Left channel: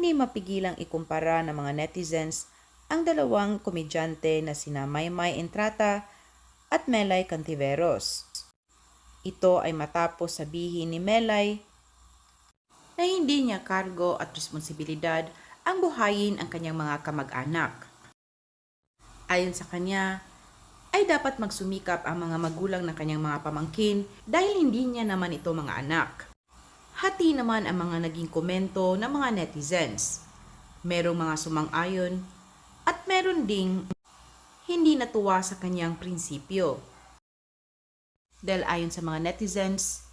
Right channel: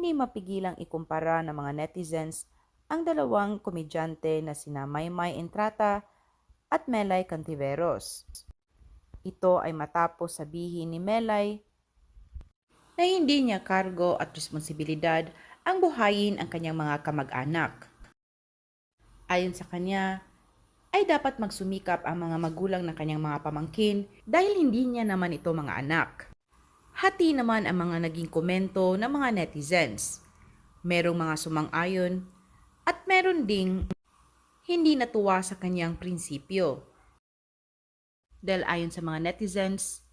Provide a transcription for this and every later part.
hindi mapigilang ikumpara ng mga netizens ang dalawang komedyante na sina Maymay Entrata at Melay Cantiveros. Ito ay matapos sabihin ni Melay na hindi niya kargo at responsibilidad ang buhayin ang kanyang mga kamag-anak. Ayon sa kanya, ay dapat magsumikap ang mga magulang ng kanyang mga pamangkin dahil hindi niya naman ito mga anak. Hati naman ang mga naging komento ng mga netizens. Merong mga sumang-ayon at meron ding hindi natuwa sa kanyang prinsipyo. Dahil ayon sa mga netizens,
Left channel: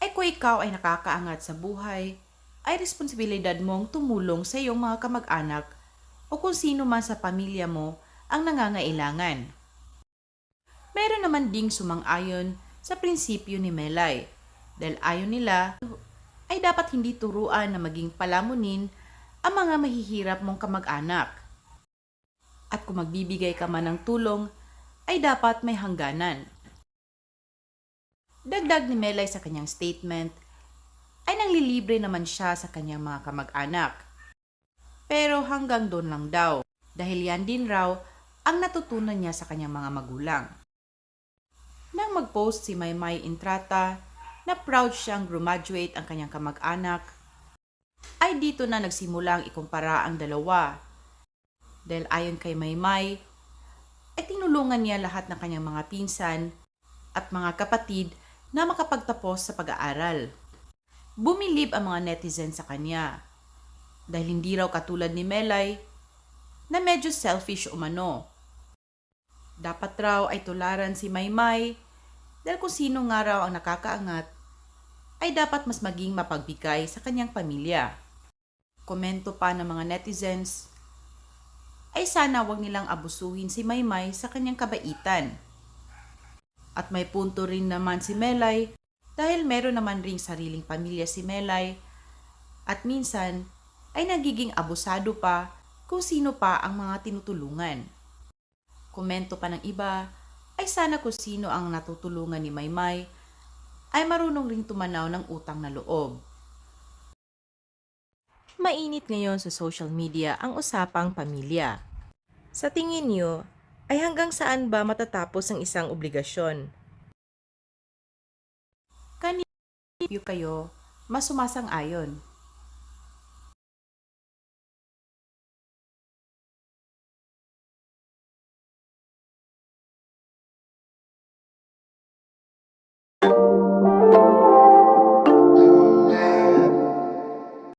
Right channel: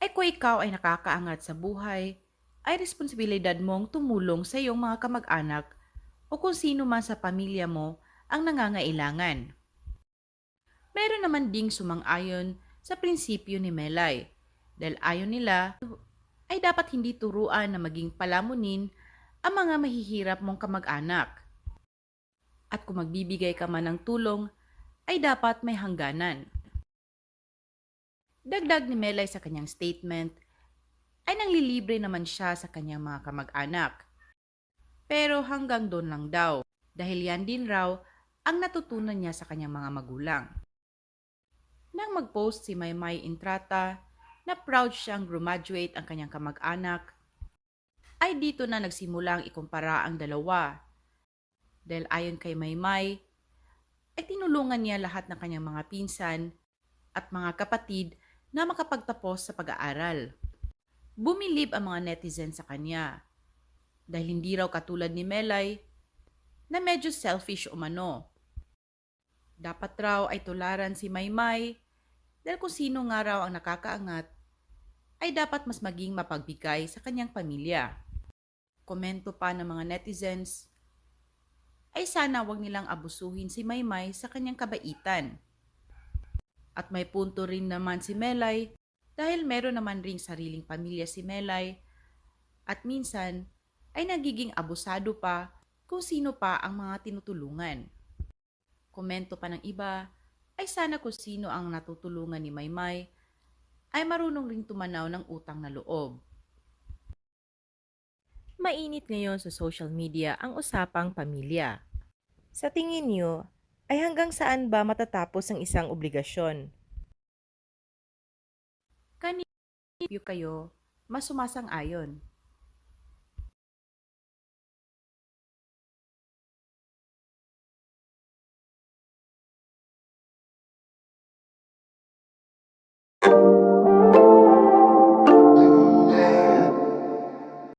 ay kung ikaw ay nakakaangat sa buhay, ay responsibilidad mong tumulong sa iyong mga kamag-anak o kung sino man sa pamilya mo ang nangangailangan. Meron naman ding sumang-ayon sa prinsipyo ni Melay dahil ayon nila ay dapat hindi turuan na maging palamunin ang mga mahihirap mong kamag-anak. At kung magbibigay ka man ng tulong, ay dapat may hangganan. Dagdag ni Melay sa kanyang statement, ay nanglilibre naman siya sa kanyang mga kamag-anak. Pero hanggang doon lang daw, dahil yan din raw ang natutunan niya sa kanyang mga magulang. Nang mag-post si Maymay Intrata na proud siyang graduate ang kanyang kamag-anak, ay dito na nagsimula ang ikumpara ang dalawa. Dahil ayon kay Maymay, ay tinulungan niya lahat ng kanyang mga pinsan at mga kapatid na makapagtapos sa pag-aaral. Bumilib ang mga netizen sa kanya dahil hindi raw katulad ni Melay na medyo selfish umano. Dapat raw ay tularan si Maymay dahil kung sino nga raw ang nakakaangat ay dapat mas maging mapagbigay sa kanyang pamilya. Komento pa ng mga netizens ay sana wag nilang abusuhin si Maymay sa kanyang kabaitan. At may punto rin naman si Melay dahil meron naman ring sariling pamilya si Melay at minsan ay nagiging abusado pa kung sino pa ang mga tinutulungan. Komento pa ng iba ay sana kung sino ang natutulungan ni Maymay ay marunong ring tumanaw ng utang na loob. Mainit ngayon sa social media ang usapang pamilya. Sa tingin niyo, ay hanggang saan ba matatapos ang isang obligasyon? Kanino kayo mas sumasang-ayon?